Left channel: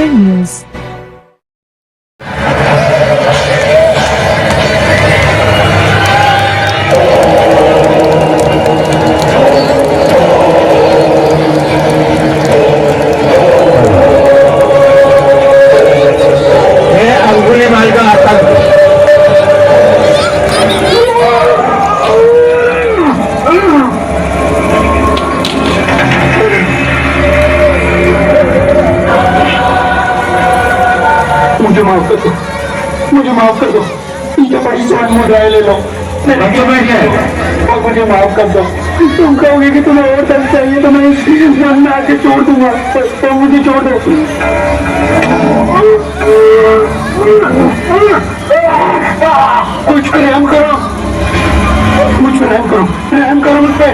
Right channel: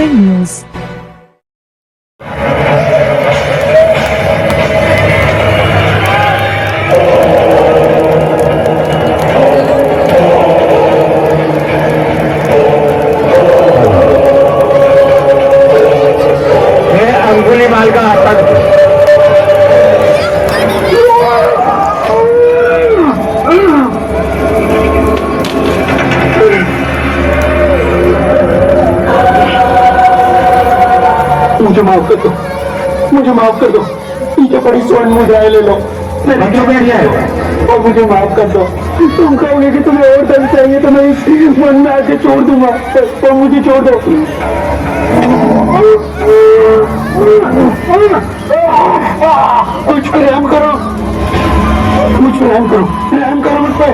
Bastar news. Angulimal का आतंक मुझे माफ कर दो, मुझे माफ कर दो। पीछे पड़ी सोनी मुद्राएं ले लो, मेरे बैठ जाए और मुझे माफ कर दो। तुम कहोगे कि तुम्हें और धन चाहिए तो मैं इस मन में आके छोड़ दूंगा, तो मुझे छोड़ दो। कुछ रहम करो, मुझ रहम करो, रहम करो मुझ पे,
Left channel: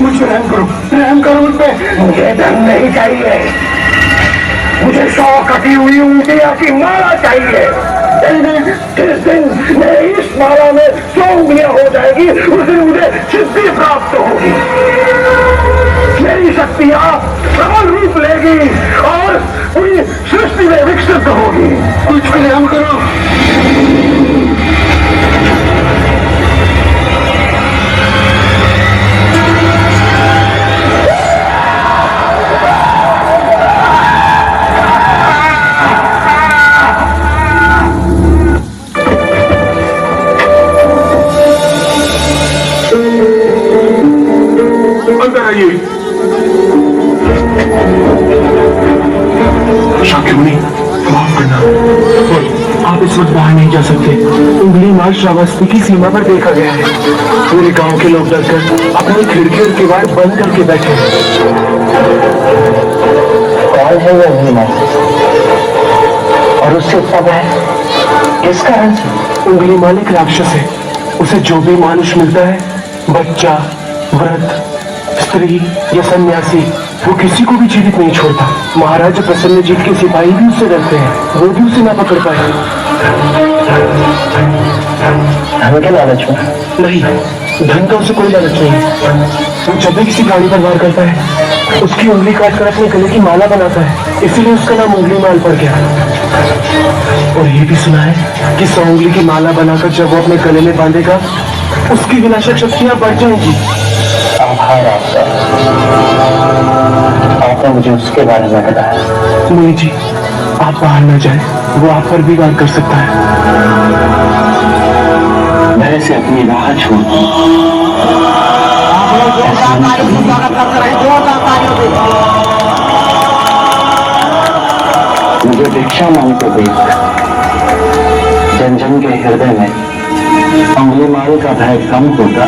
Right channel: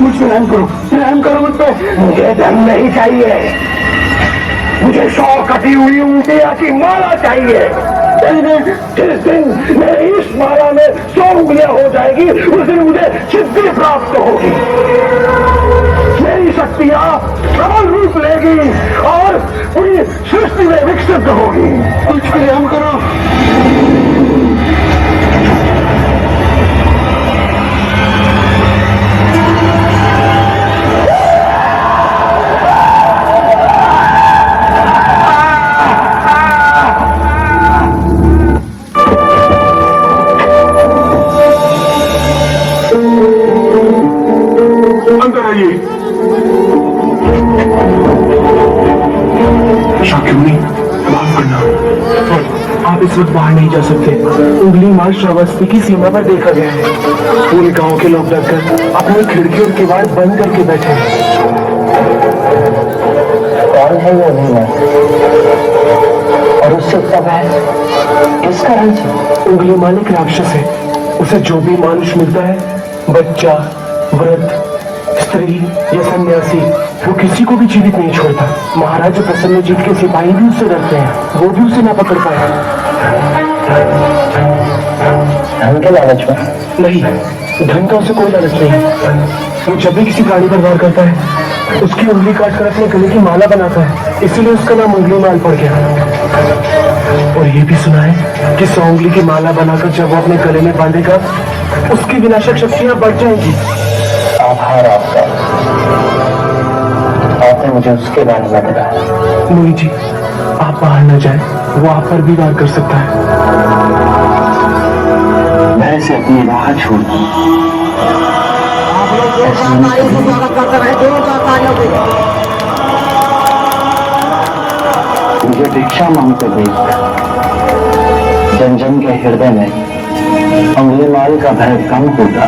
मुझ रहम करो, रहम करो मुझ पे। मुझे धन नहीं चाहिए, मुझे 100 कटी हुई ऊँटियाँ की माला चाहिए। जिस दिन मेरे इस माला में 100 उंगलियां हो जाएगी, उस दिन मुझे सिद्धि प्राप्त होगी। मेरी शक्तियाँ प्रबल रूप लेगी और पूरी सृष्टि में विकसित होगी। कुछ रहम करो। अंदर आइए। शाकिनी, माफ करना, आप इस वक्त बाहर नहीं जा सकते। उंगली मार श्रावस्ती की सीमा पर देखा गया है। पूरे गांव के लोग डरकर अपनी खिड़की और किवाड़ बंद करके बैठे हैं। कौन है वो उंगली मार और उससे इतना भय किस कारण से? उंगली मार एक राक्षस है। उसे जो भी मानुष मिलता है, बच्चा, वृद्ध, स्त्री या सन्यासी, वो किसी को भी जीवित नहीं छोड़ता। महाराज प्रसन्नजीत के सिपाही भी उससे डरते हैं, वो भी उसे ना पकड़ पाए। धन के लालच में? नहीं, धन का उसे कोई लालच नहीं। वो जब भी किसी प्राणी पर वार करता है, उसकी उंगली काटकर अपने गले की माला बनाता है, इसीलिए उसका नाम उंगली माल पड़ गया। और ये भी सुना है कि 100 उंगली की माला बनाकर जब वो अपने गले में बांधेगा, उसकी विनाशक शक्तियां बढ़ जाएंगी। आभार आपका, आपने मुझे उसके बारे में बताया। नहीं जी, आप बाहर न जाएं, वो आप पर भी वार कर सकता है। मैं इसे अपनी राह छोड़ मुझे दीक्षा मांगते देख जन जन के हृदय में अंगुलीमाल का भय कम होता।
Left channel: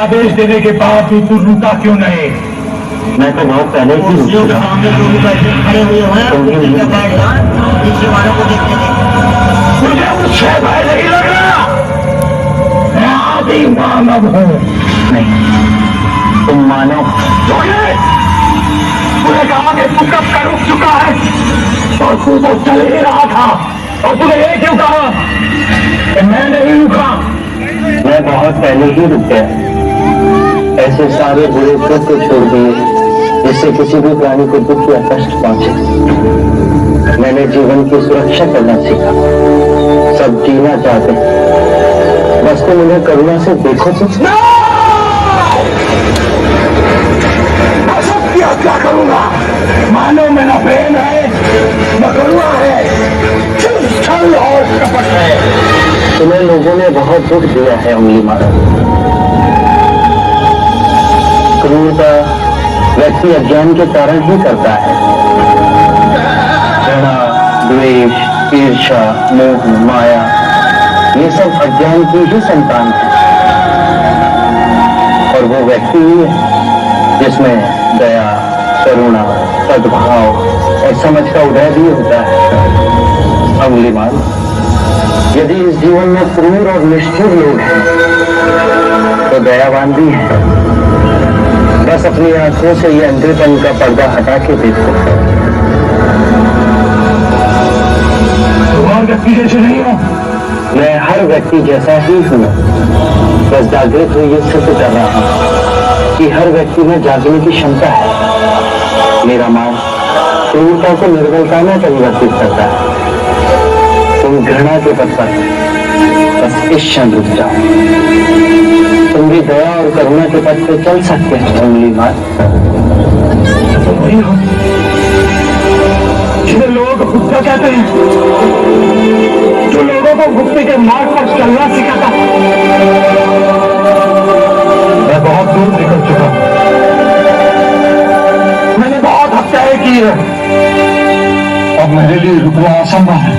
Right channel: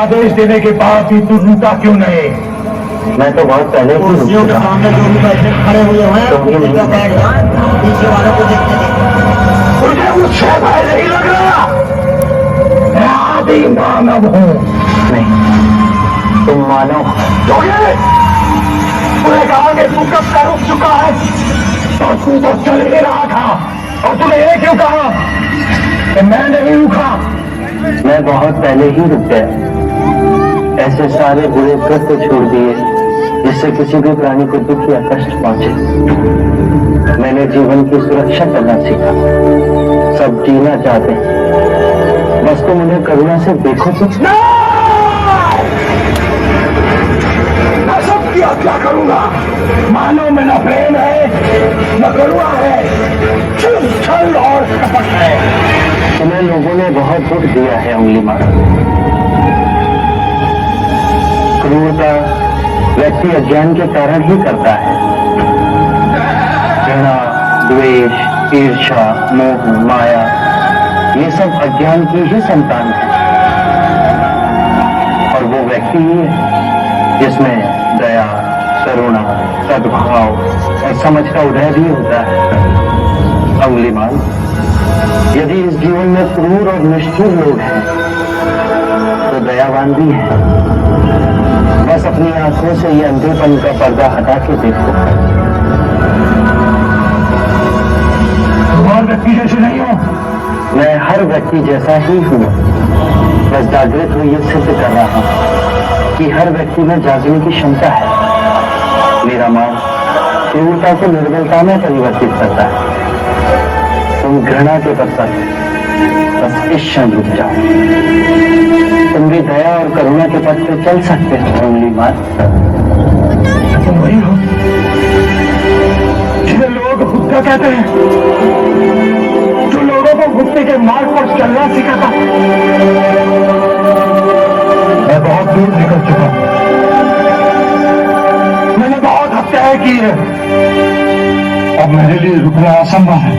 आदेश देने के बाद भी तू रुका क्यों नहीं? मैं तो बहुत पहले ही कुर्सियों के सामने जो भी बैठे खड़े हुए हैं, पीछे वालों को देखते थे। तुझे कुछ भय नहीं लग रहा? मैं आदि मानव हूँ। नहीं, तुम मानो पूरे गांव में तू कब का रुक चुका है और तू तो चल ही रहा था, और तूने ये क्यों कहा कि मैं नहीं रुका? मैं बहुत पहले ही रुक गया। ऐसे सारे बुरे कृत्य छोड़ दिए जिससे किसी भी प्राणी को दुख या कष्ट पहुंचे। मैंने जीवन की सुरक्षा करना सीखा। सब जीना चाहते, बस तुम उन्हें करुणा से देखो कुछ ना। सबकी हत्या करूंगा। मानव में न प्रेम है, न करुणा है, सिर्फ छल और कपट है। तुम्हें लोगों ने बहुत दुख दिया है उंगली मार। क्रूरता व्यक्ति अज्ञान के कारण ही करता है। घृणा, द्वेष, ईर्ष्या, मोह, माया, ये सब अज्ञान की ही संतान है। व्यक्ति ही है जिसमें दया, करुणा, सद्भाव और समझ का उदय भी होता है। अंगुलीमाल, यदि इस जीवन में क्रूर और निष्ठुर लोग हैं तो दयावान भी है। बस अपनी आंखों से ये अंधेपन का पर्दा हटा के देखो। तुम हर व्यक्ति जैसे नहीं हो। मैं हर व्यक्ति जैसा ही हूँ, बस जागृत हुई ये सिद्ध कर रहा हूँ कि हर व्यक्ति में जागने की क्षमता है। मेरा मां क्रूरता को निर्बलता में परिवर्तित करता है। तुम घृणा के पथ पर बस इस क्षण रुक जाओ। तुम भी दया और करुणा के पथ पे चल सकते हो। अंगुलीमाल, तुम वही हो जिन्हें लोग भुक्ता कहते हैं, जो लोगों को भुक्ति के मार्ग पर चलना सिखाता। मैं बहुत दूर निकल चुका हूं। मैंने बहुत हत्याएं की है। अब मेरे लिए रुकना असंभव है।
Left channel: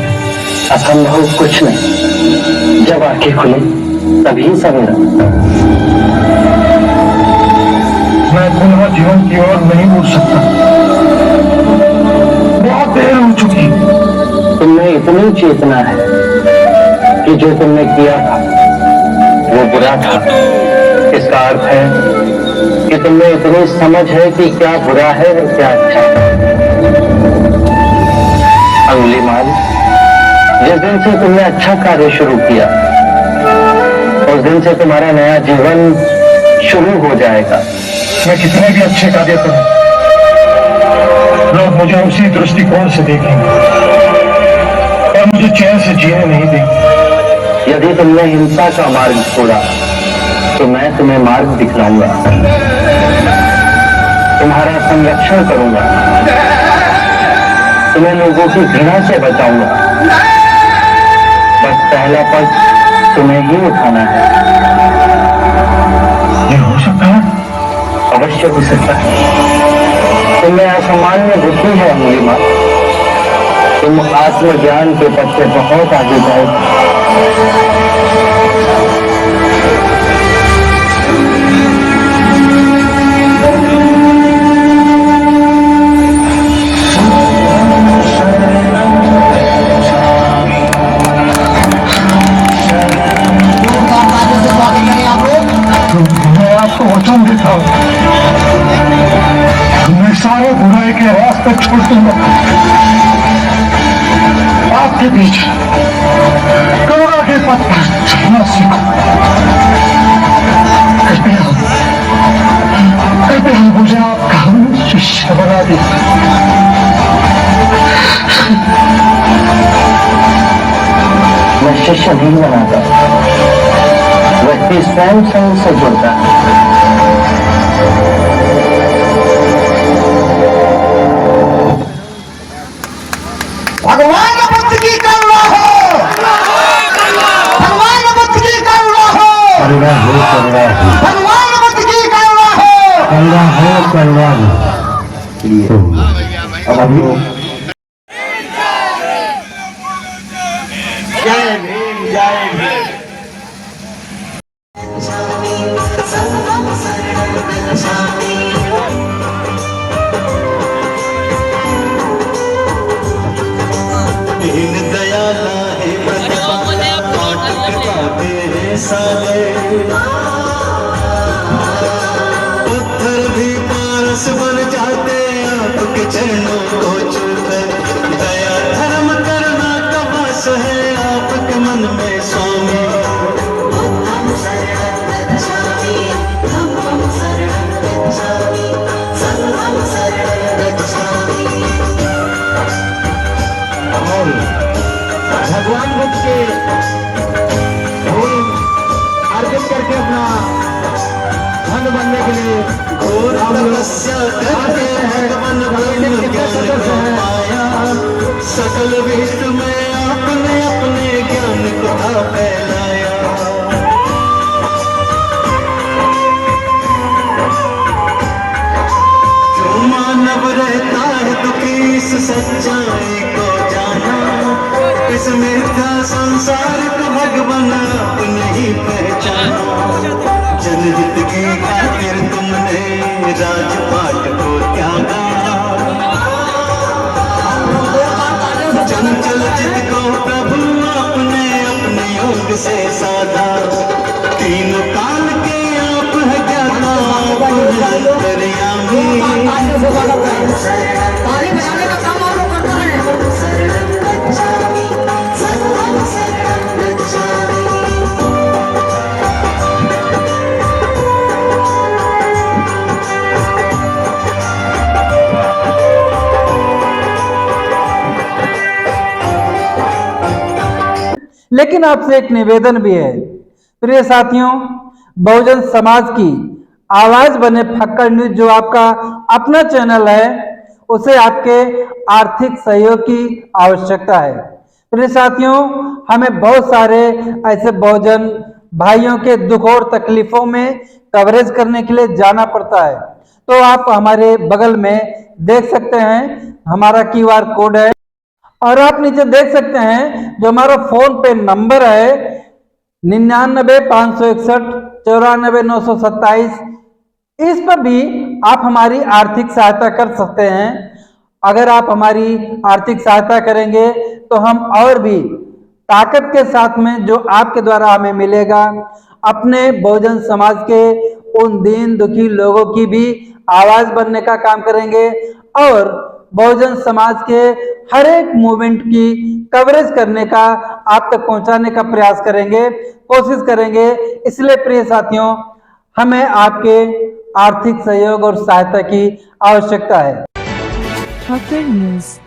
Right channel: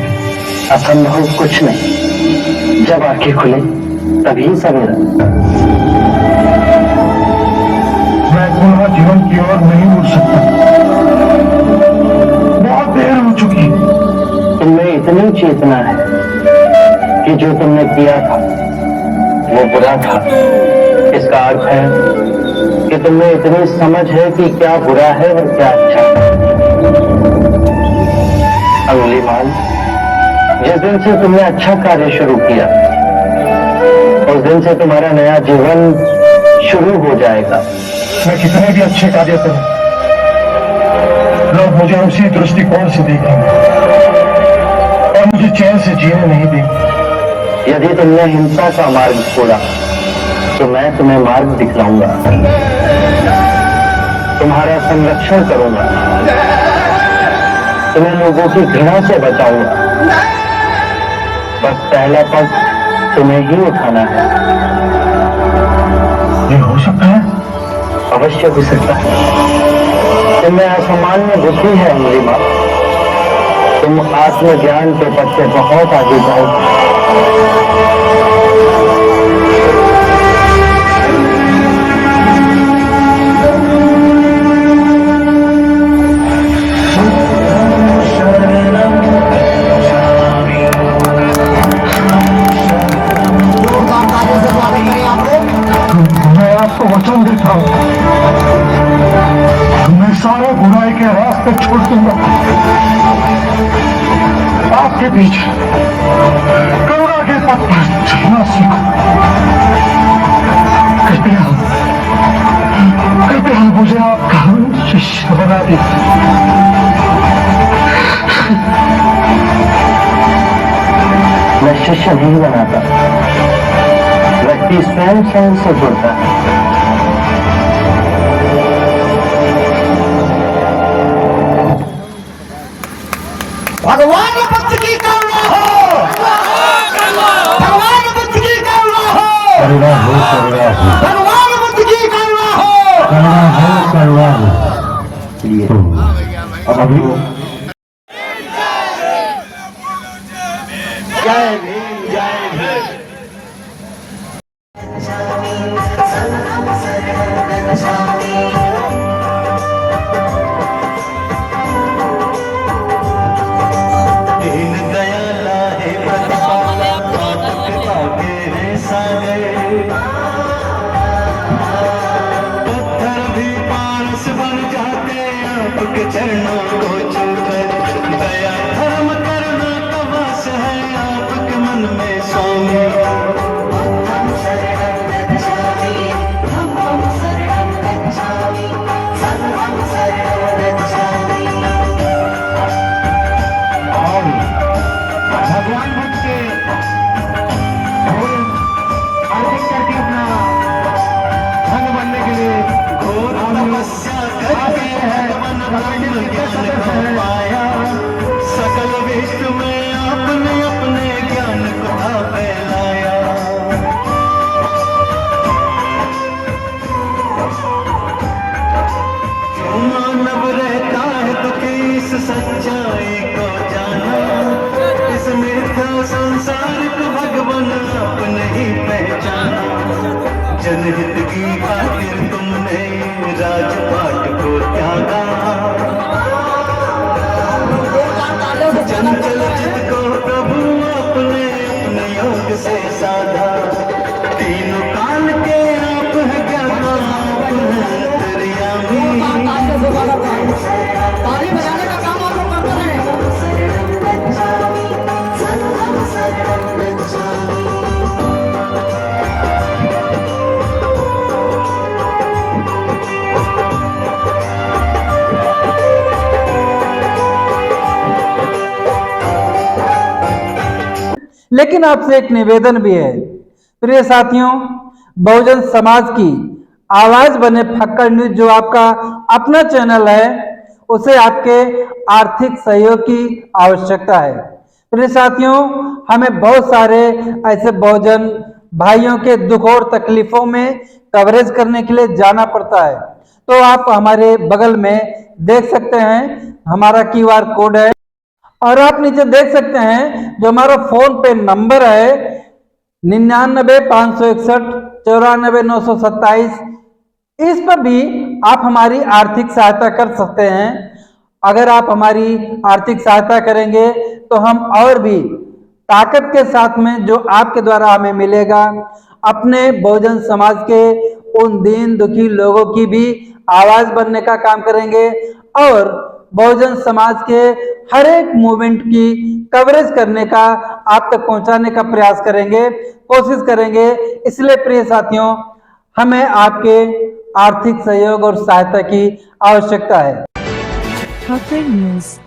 असंभव कुछ नहीं, जब आंखें खुले तभी सवेरा। मैं पुनः जीवन की ओर नहीं मुड़ सकता। बहुत देर हो चुकी। तुमने इतनी चेतना है कि जो तुमने किया था वो बुरा था। इसका अर्थ है कि तुमने इतनी समझ है कि क्या बुरा है और क्या अच्छा। अंगुलीमाल, जिस दिन से तुमने अच्छा कार्य शुरू किया उस दिन से तुम्हारा नया जीवन शुरू हो जाएगा। मैं कितने भी अच्छे कार्य करूं, लोग मुझे उसी दृष्टिकोण से देखेंगे और मुझे चैन से जीने नहीं देंगे। यदि तुमने हिंसा का मार्ग छोड़ा तो मैं तुम्हें मार्ग दिखलाऊंगा, तुम्हारा संरक्षण करूंगा, तुम्हें लोगों की घृणा से बचाऊंगा। बस पहला पग तुम्हें ही उठाना है। ये हो सकता है? अवश्य हो सकता है। तुम्हें असामान्य बुद्धि है अंगुलीमाल। तुम आत्मज्ञान के पथ से बहुत आगे जाओ। छोड़ दूंगा आपके बीच करुणा के पथ पर चलना सीखो। कृपया कृपया मुझे आपका शिष्य बना दीजिए। मैं शिष्य नहीं बनाता, व्यक्ति स्वयं से जुड़ता है। भगवान बुद्ध की करुणा हो, भगवान बुद्ध की करुणा हो, करुणा हो, करुणा हो, भगवान बुद्ध की करुणा हो, करुणा हो, करुणा हो। अभी जय भीम, जय भीम। दीन दयाला है साले पत्थर भी पारस बन जाते आपके चरणों को छूकर। दया धर्म करना का वास है आपके मन में स्वामी। भगवान बुद्ध के अर्पित करके अपना धन बनने के लिए घोर तपस्या करके भगवान ब्रह्म ज्ञान को पाया। सकल विश्व में आपने अपने ज्ञान को फैलाया। मानव रहता है तो किस सच्चाई को जाना। इस मिथ्या संसार को भगवान आप नहीं पहचाना। जनहित जिंदगी खातिर तुमने राजपाट को त्यागा, चंचल चित को प्रभु आपने अपने योग से साधा, तीनों काल के आप है ज्ञाता, अंतर्यामी। लेकिन आपसे एक निवेदन भी है प्रिय साथियों, बहुजन समाज की आवाज बने फक्कड़ न्यूज जो आपका अपना चैनल है, उसे आपके आर्थिक सहयोग की आवश्यकता है। प्रिय साथियों, हमें बहुत सारे ऐसे बहुजन भाइयों के दुख और तकलीफों में कवरेज करने के लिए जाना पड़ता है। तो आप हमारे बगल में देख सकते हैं हमारा QR कोड है, और आप नीचे देख सकते हैं जो हमारा फोन पे नंबर है 99 561 94 927। इस पर भी आप हमारी आर्थिक सहायता कर सकते हैं। अगर आप हमारी आर्थिक सहायता करेंगे तो हम और भी ताकत के साथ में जो आपके द्वारा हमें मिलेगा, अपने बहुजन समाज के उन दीन दुखी लोगों की भी आवाज बनने का काम करेंगे और बहुजन समाज के हर एक मूवमेंट की कवरेज करने का, आप तक पहुंचाने का प्रयास करेंगे, कोशिश करेंगे। इसलिए प्रिय साथियों, हमें आपके आर्थिक सहयोग और सहायता की आवश्यकता है। फक्कड़ न्यूज।